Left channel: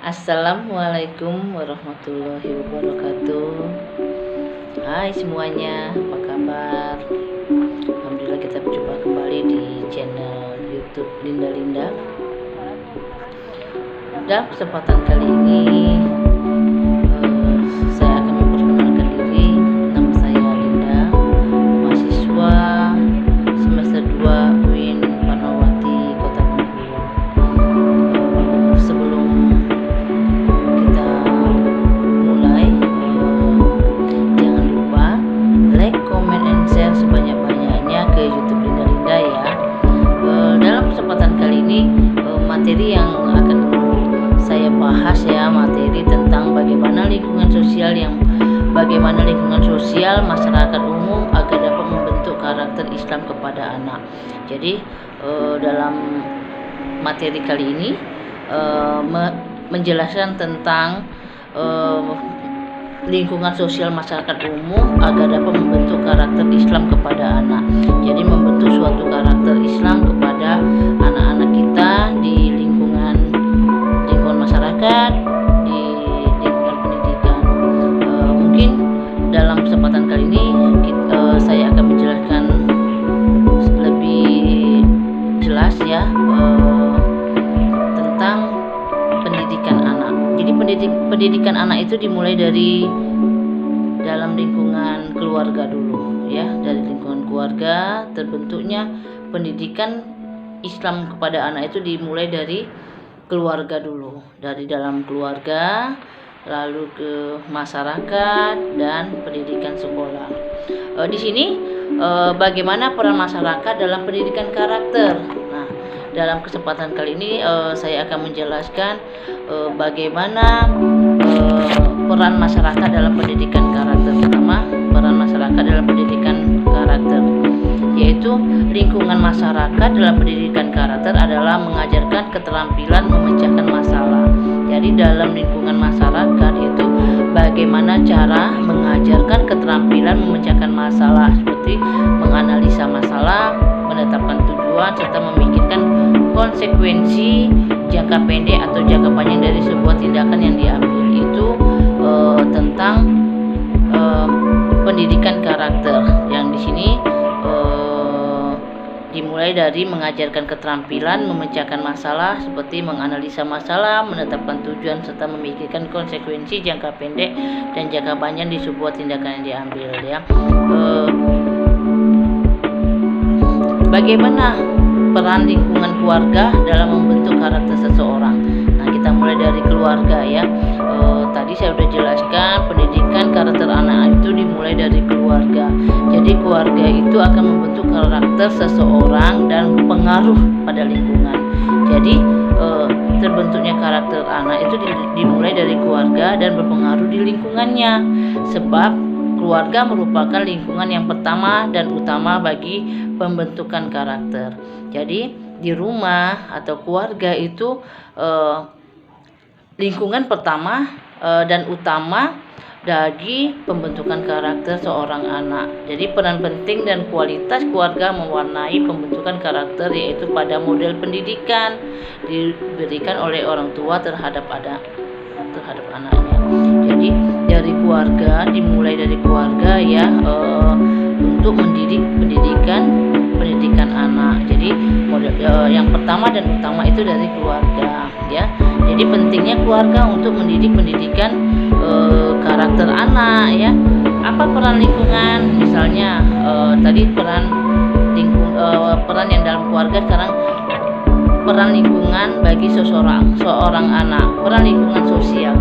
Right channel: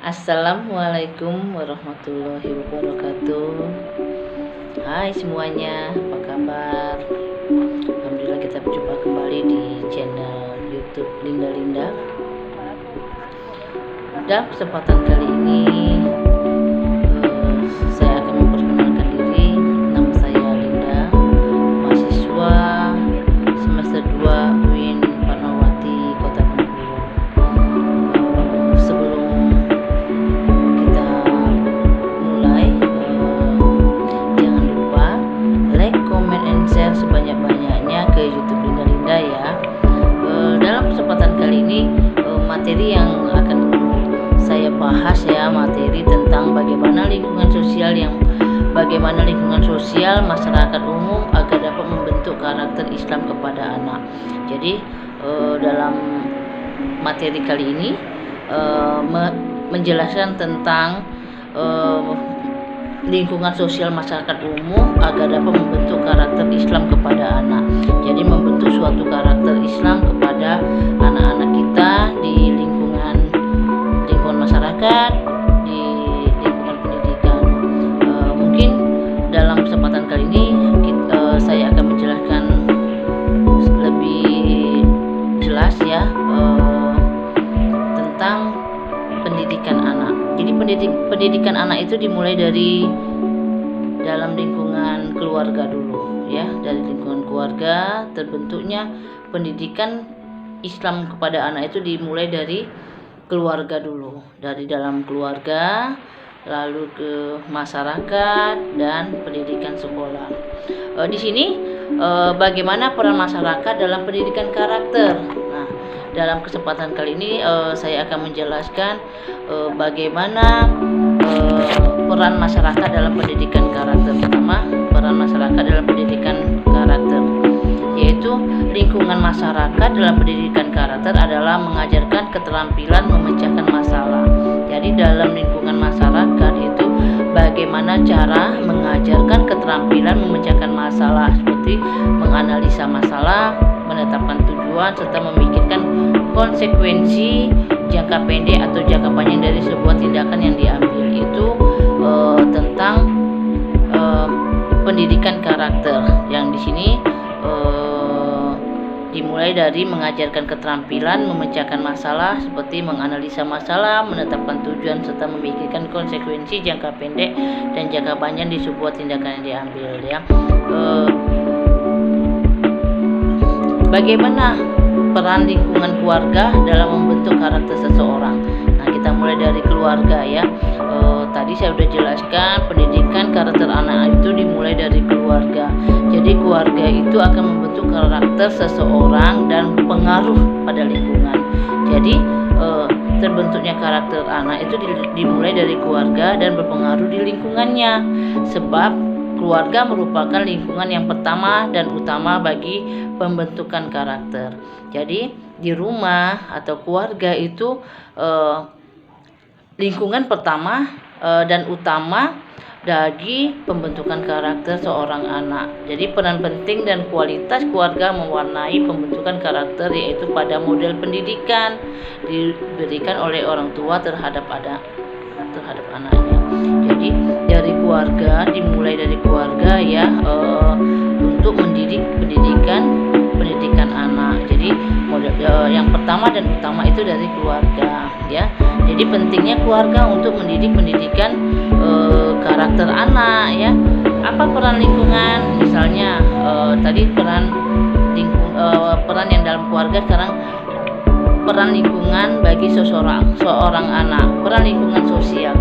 Assalamualaikum warahmatullahi wabarakatuh. Hai semuanya, apa kabar? Alhamdulillah kita berjumpa kembali di channel YouTube Linda Linda. Dalam kesempatan kali ini saya akan memperkenalkan diri. Nama saya Linda, mahasiswa semester 2 UIN Fatmawati Kota Bengkulu. Sebelum kita mulai, jangan lupa like, comment, and share sebanyak-banyaknya ke YouTube Linda Linda ya. Dalam kesempatan kali ini materi yang akan saya bahas ya, materi tentang bagaimana lingkungan sosial masyarakat umum agar dapat membentuk karakter Islam kepada anak. Jadi dalam materi kali ini menjelaskan tentang lingkungan sosial masyarakat umum agar dapat membentuk karakter Islam kepada anak. Jadi membentuk suatu karakter Islam kepada anak-anak kita di lingkungan masyarakat, di lingkungan pendidikan. Mungkin dalam kesempatan kali ini saya akan menjelaskan lebih jelas ya tentang pendidikan anak. Jadi pendidikan anak itu dimulai dari dalam lingkungan keluarga dulu ya. Dari lingkungan keluarga terbentuknya pendidikan Islam kepada anak itu dimulai dari keluarga dulu, dari dalam keluarga, lalu ke masyarakat dan pendidikan sekolah. Di sini bagaimana peran masyarakat dalam pendidikan karakter. Nah, dalam kesempatan kali ini saya akan menjelaskan bagaimana peran masyarakat dalam pendidikan karakter. Pertama, peran masyarakat dalam pendidikan karakter, yaitu lingkungan masyarakat dalam pendidikan karakter adalah mengajarkan keterampilan memecahkan masalah. Jadi dalam lingkungan masyarakat itu bagaimana cara mengajarkan keterampilan memecahkan masalah, seperti menganalisa masalah, menetapkan tujuan, serta memikirkan konsekuensi jangka pendek atau jangka panjang dari sebuah tindakan yang diambil. Itu tentang pendidikan karakter yang di sini dimulai dari mengajarkan keterampilan memecahkan masalah, seperti menganalisa masalah, menetapkan tujuan, serta memikirkan konsekuensi jangka pendek dan jangka panjang di sebuah tindakan yang diambil ya. Bagaimana peran lingkungan keluarga dalam membentuk karakter seseorang? Nah, kita mulai dari keluarga ya. Tadi saya sudah jelaskan pendidikan karakter anak itu dimulai dari keluarga. Jadi keluarga itu akan membentuk karakter seseorang dan berpengaruh pada lingkungan. Jadi terbentuknya karakter anak itu dimulai dari keluarga dan berpengaruh di lingkungannya. Sebab keluarga merupakan lingkungan yang pertama dan utama bagi pembentukan karakter. Jadi di rumah atau keluarga itu lingkungan pertama dan utama bagi pembentukan karakter seorang anak. Jadi peran penting dan kualitas keluarga mewarnai pembentukan karakter, yaitu pada model pendidikan diberikan oleh orang tua terhadap anaknya. Jadi dari keluarga, dimulai dari keluarga ya, untuk mendidik pendidikan anak. Jadi model yang pertama dan utama itu dari keluarga ya. Jadi pentingnya keluarga untuk mendidik pendidikan karakter anak ya. Apa peran lingkungan? Misalnya tadi peran yang dalam keluarga, sekarang peran lingkungan bagi seorang anak. Peran lingkungan sosial,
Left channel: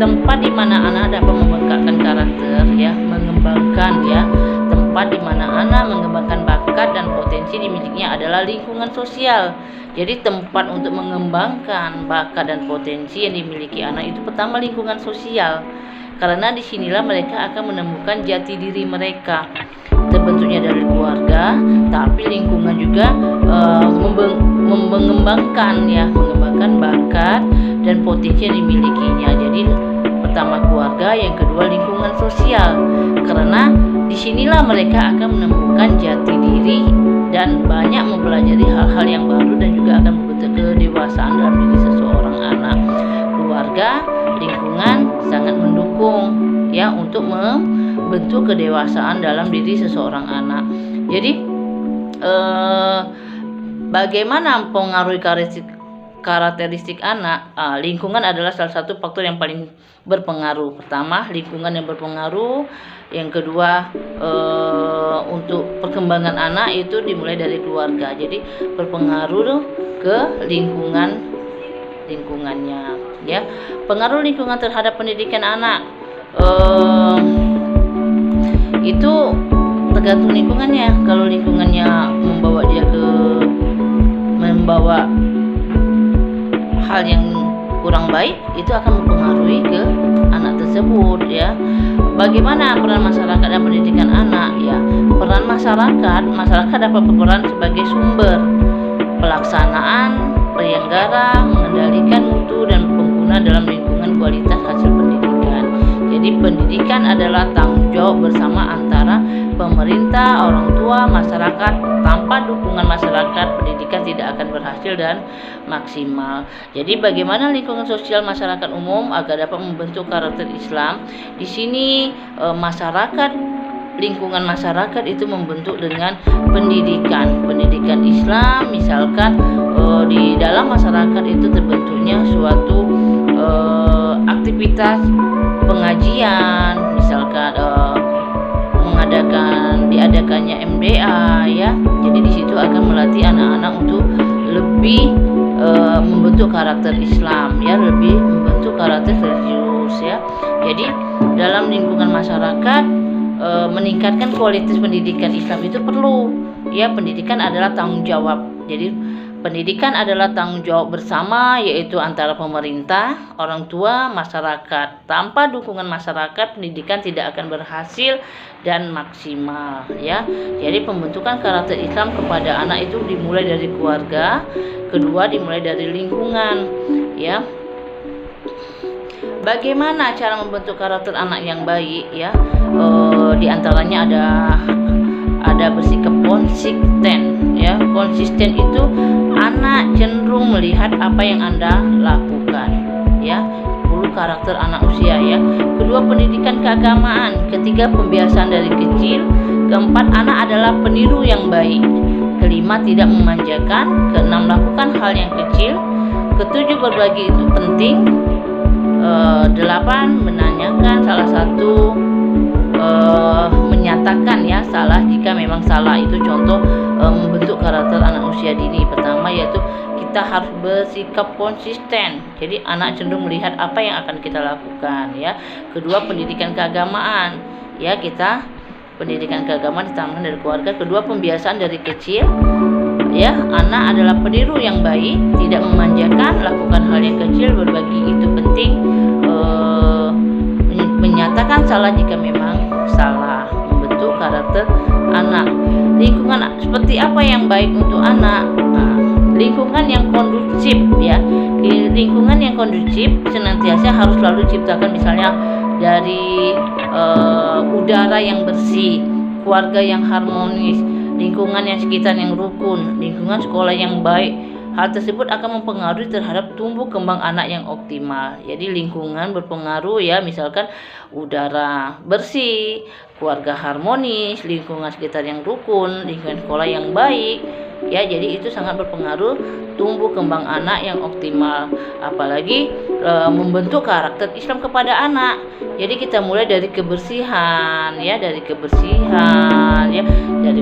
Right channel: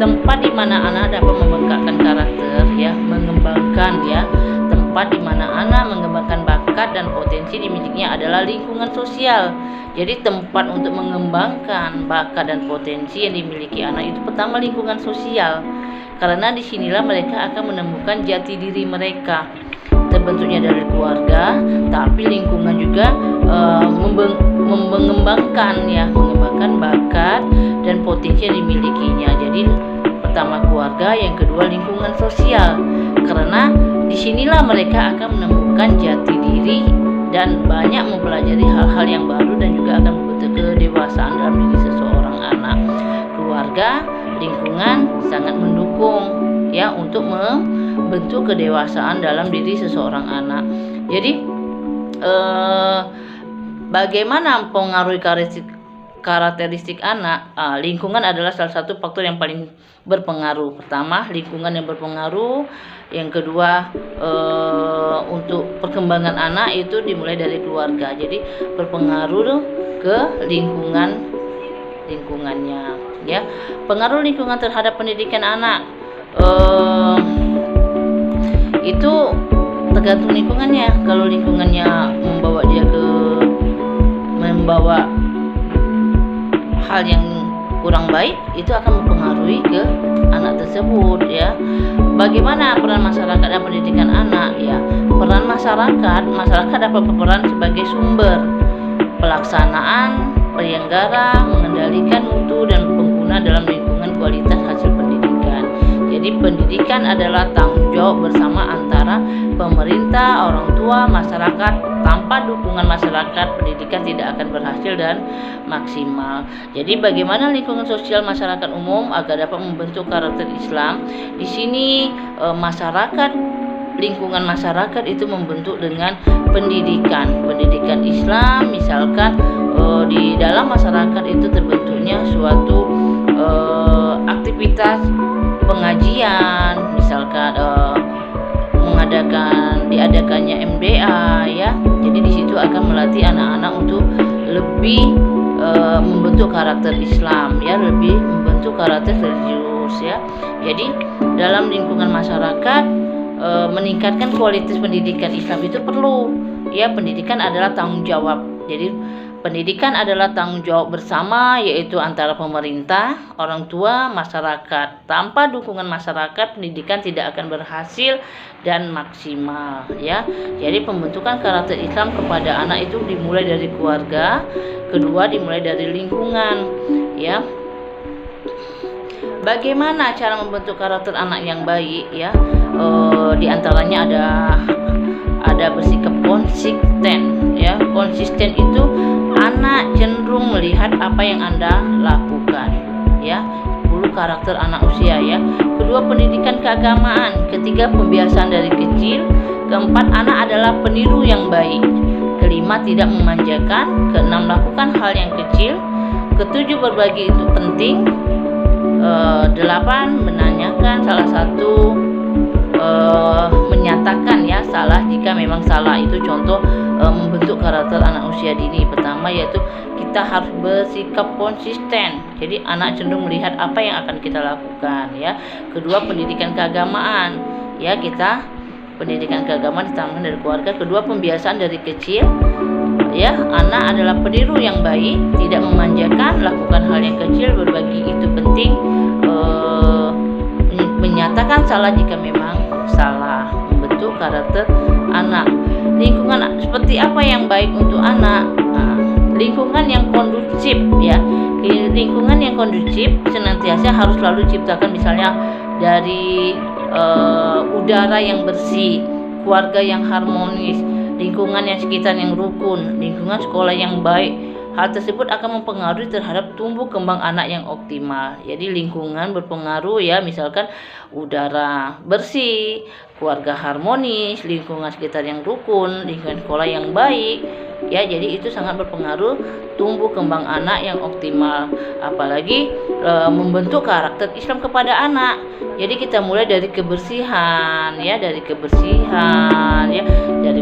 tempat di mana anak dapat membengkakkan karakter ya, mengembangkan ya. Tempat di mana anak mengembangkan bakat dan potensi dimilikinya adalah lingkungan sosial. Jadi tempat untuk mengembangkan bakat dan potensi yang dimiliki anak itu pertama lingkungan sosial. Karena disinilah mereka akan menemukan jati diri mereka. Terbentuknya dari keluarga, tapi lingkungan juga mengembangkan bakat dan potensi yang dimilikinya. Jadi pertama keluarga, yang kedua lingkungan sosial. Karena disinilah mereka akan menemukan jati diri dan banyak mempelajari hal-hal yang baru dan juga akan membentuk kedewasaan dalam diri seseorang anak. keluarga, lingkungan sangat mendukung ya untuk membentuk kedewasaan dalam diri seseorang anak. Jadi bagaimana mempengaruhi karakteristik anak? Lingkungan adalah salah satu faktor yang paling berpengaruh. Pertama, lingkungan yang berpengaruh. Yang kedua, untuk perkembangan anak itu dimulai dari keluarga. Jadi berpengaruh ke lingkungannya ya. Pengaruh lingkungan terhadap pendidikan anak itu tergantung lingkungannya. Kalau lingkungannya membawa hal yang kurang baik, itu akan mempengaruhi ke anak tersebut ya. Bagaimana peran masyarakat dan pendidikan anak ya? Peran masyarakat dapat berperan sebagai sumber pelaksanaan, penyelenggara, mengendalikan mutu dan pengguna dalam lingkungan kualitas hasil pendidikan. Jadi pendidikan adalah tanggung jawab bersama antara pemerintah, orang tua, masyarakat. Tanpa dukungan masyarakat, pendidikan tidak akan berhasil dan maksimal. Jadi bagaimana lingkungan sosial masyarakat umum agar dapat membentuk karakter Islam? Di sini lingkungan masyarakat itu membentuk dengan pendidikan Islam. Misalkan di dalam masyarakat itu terbentuknya suatu aktivitas pengajian, misalkan diadakannya MDA ya. Jadi di situ akan melatih anak-anak untuk lebih membentuk karakter Islam ya, lebih membentuk karakter religius ya. Jadi dalam lingkungan masyarakat meningkatkan kualitas pendidikan Islam itu perlu ya. Pendidikan adalah tanggung jawab. Jadi pendidikan adalah tanggung jawab bersama, yaitu antara pemerintah, orang tua, masyarakat. Tanpa dukungan masyarakat, pendidikan tidak akan berhasil dan maksimal ya. Jadi pembentukan karakter Islam kepada anak itu dimulai dari keluarga, kedua dimulai dari lingkungan ya. Bagaimana cara membentuk karakter anak yang baik ya? Di antaranya ada bersikap konsisten ya. Konsisten itu anak cenderung melihat apa yang Anda lakukan ya. 10 karakter anak usia ya. Kedua, pendidikan keagamaan. Ketiga, pembiasaan dari kecil. Keempat, anak adalah peniru yang baik. Kelima, tidak memanjakan. Keenam, lakukan hal yang kecil. Ketujuh, berbagi itu penting. 8, menanyakan. Salah satu menyatakan ya salah jika memang salah. Itu contoh membentuk karakter anak usia dini. Pertama yaitu kita harus bersikap konsisten. Jadi anak cenderung melihat apa yang akan kita lakukan ya. Kedua, pendidikan keagamaan ya, kita pendidikan keagamaan ditanamkan dari keluarga. Kedua, pembiasaan dari kecil ya, anak adalah peniru yang baik, tidak memanjakan, lakukan hal yang kecil, berbagi itu penting, menyatakan salah jika memang salah, membentuk karakter anak. Lingkungan seperti apa yang baik untuk anak? Lingkungan yang kondusif ya. Lingkungan yang kondusif senantiasa harus selalu diciptakan, misalnya dari udara yang bersih, keluarga yang harmonis, lingkungan yang sekitar yang rukun, lingkungan sekolah yang baik. Hal tersebut akan mempengaruhi terhadap tumbuh kembang anak yang optimal. Jadi lingkungan berpengaruh ya, misalkan udara bersih, keluarga harmonis, lingkungan sekitar yang rukun, lingkungan sekolah yang baik ya. Jadi itu sangat berpengaruh tumbuh kembang anak yang optimal. Apalagi membentuk karakter Islam kepada anak. Jadi kita mulai dari kebersihan ya, dari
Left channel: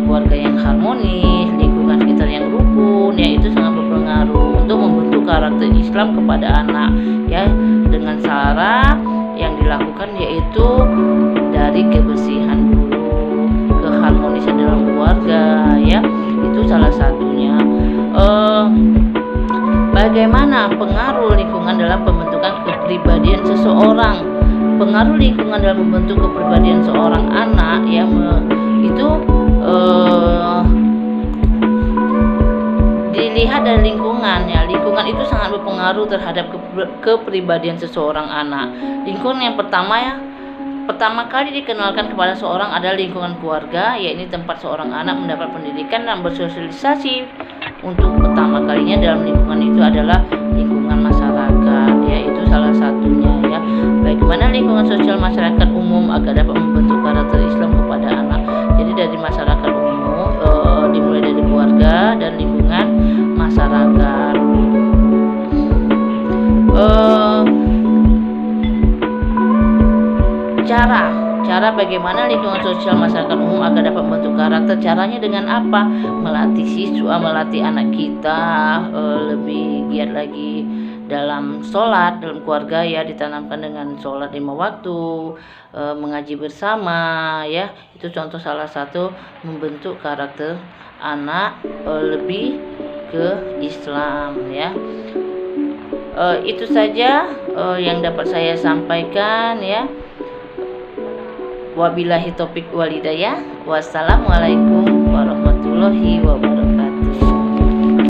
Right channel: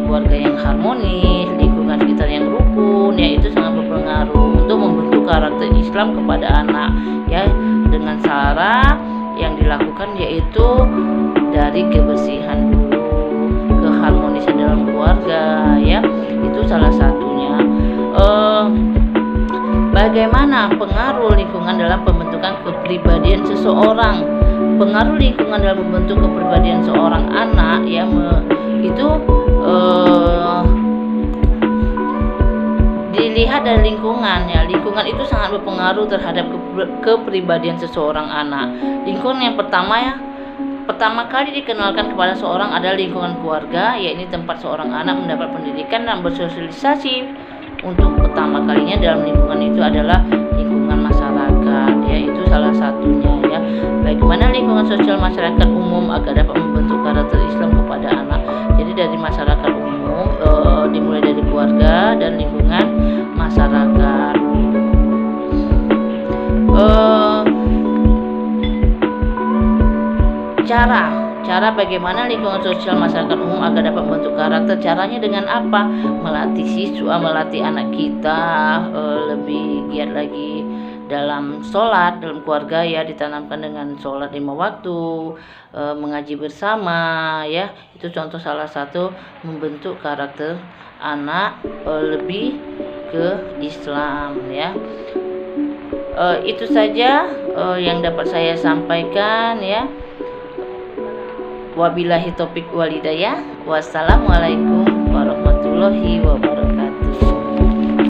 keluarga yang harmonis, lingkungan sekitar yang rukun ya, itu sangat berpengaruh untuk membentuk karakter Islam kepada anak ya, dengan cara yang dilakukan yaitu dari kebersihan dulu, keharmonisan dalam keluarga ya, itu salah satunya. Bagaimana pengaruh lingkungan dalam pembentukan kepribadian seseorang? Pengaruh lingkungan dalam membentuk kepribadian seorang anak ya, itu dilihat dari lingkungan ya. Lingkungan itu sangat berpengaruh terhadap kepribadian seseorang anak. Lingkungan yang pertama kali dikenalkan kepada seorang adalah lingkungan keluarga, yaitu tempat seorang anak mendapat pendidikan dan bersosialisasi. Untuk pertama kalinya dalam lingkungan itu adalah lingkungan masyarakat. masyarakat ya, itu salah satunya ya. Bagaimana lingkungan sosial masyarakat umum agar dapat membentuk karakter Islam kepada anak. Jadi dari masyarakat umum, dimulai dari keluarga dan lingkungan masyarakat. Cara bagaimana lingkungan sosial masyarakat umum agar dapat membentuk karakter. Caranya dengan apa? Melatih siswa, melatih anak kita lebih giat lagi dalam sholat, dalam keluarga ya, ditanamkan dengan sholat 5 waktu, mengaji bersama ya. Itu contoh salah satu membentuk karakter anak lebih ke Islam ya. Itu saja yang dapat saya sampaikan ya. Wabillahi taufiq walhidayah. Wassalamualaikum warahmatullahi wabarakatuh.